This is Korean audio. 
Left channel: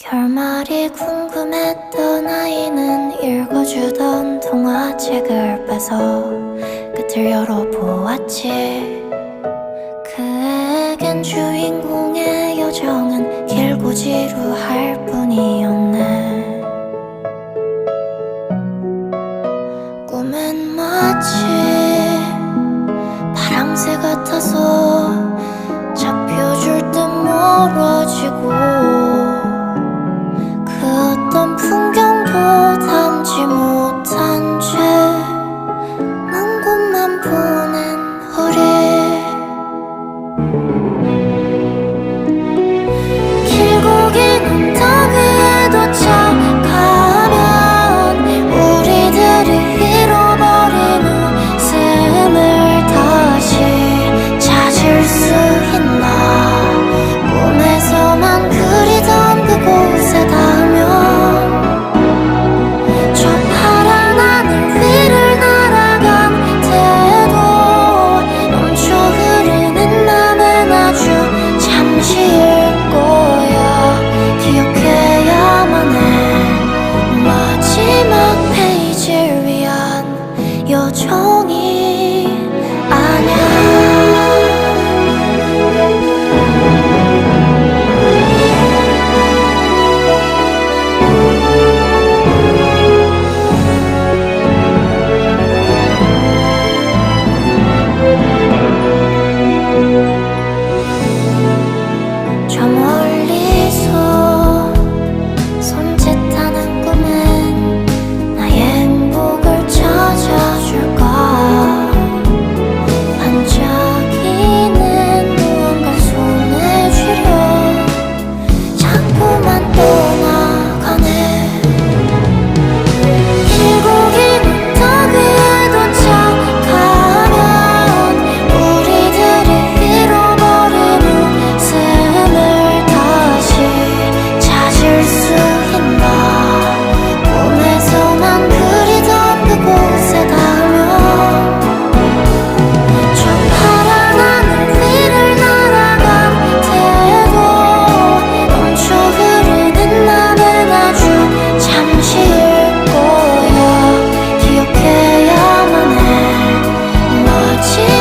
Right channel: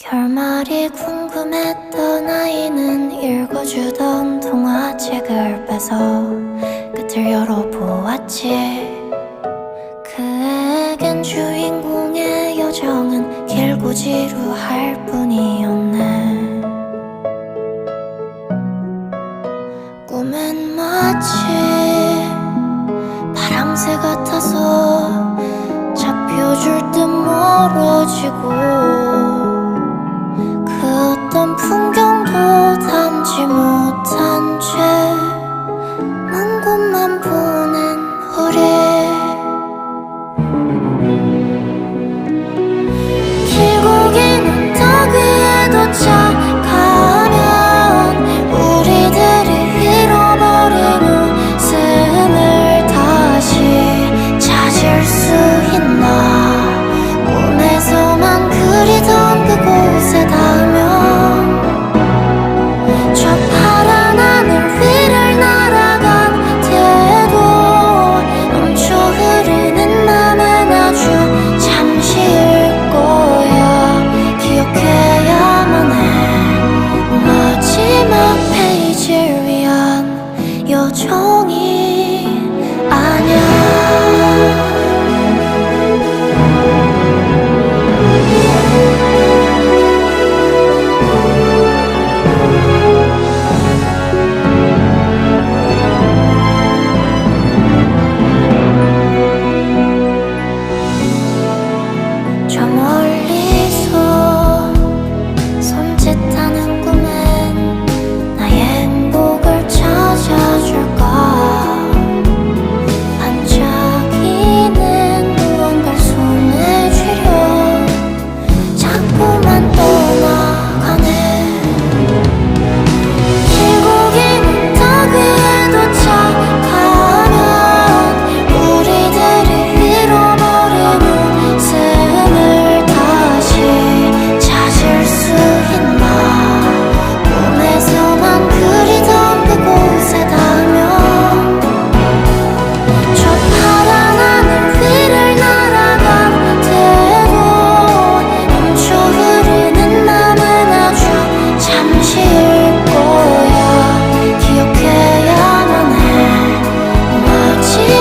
결말이 궁금했던 아이는 읽어주던 동화책을 빼서 끝을 열어보았지. 그에겐 주인공의 여정은 길고 지루할 뿐이었네. 꿈은 마치 파랑새 같아서 잡혀줄 듯 멀어지고 그 어떤 풍경도 담지 못한 채 먼 곳만 보는 우리. 길고 긴 언덕 위에 도착하면 우리들이 잃어버린 웃음을 다시 찾을 수 잠시일 거야. 기억해야만 해. 마지막 페이지를 위한 여정이 저 멀리서 손짓하는 情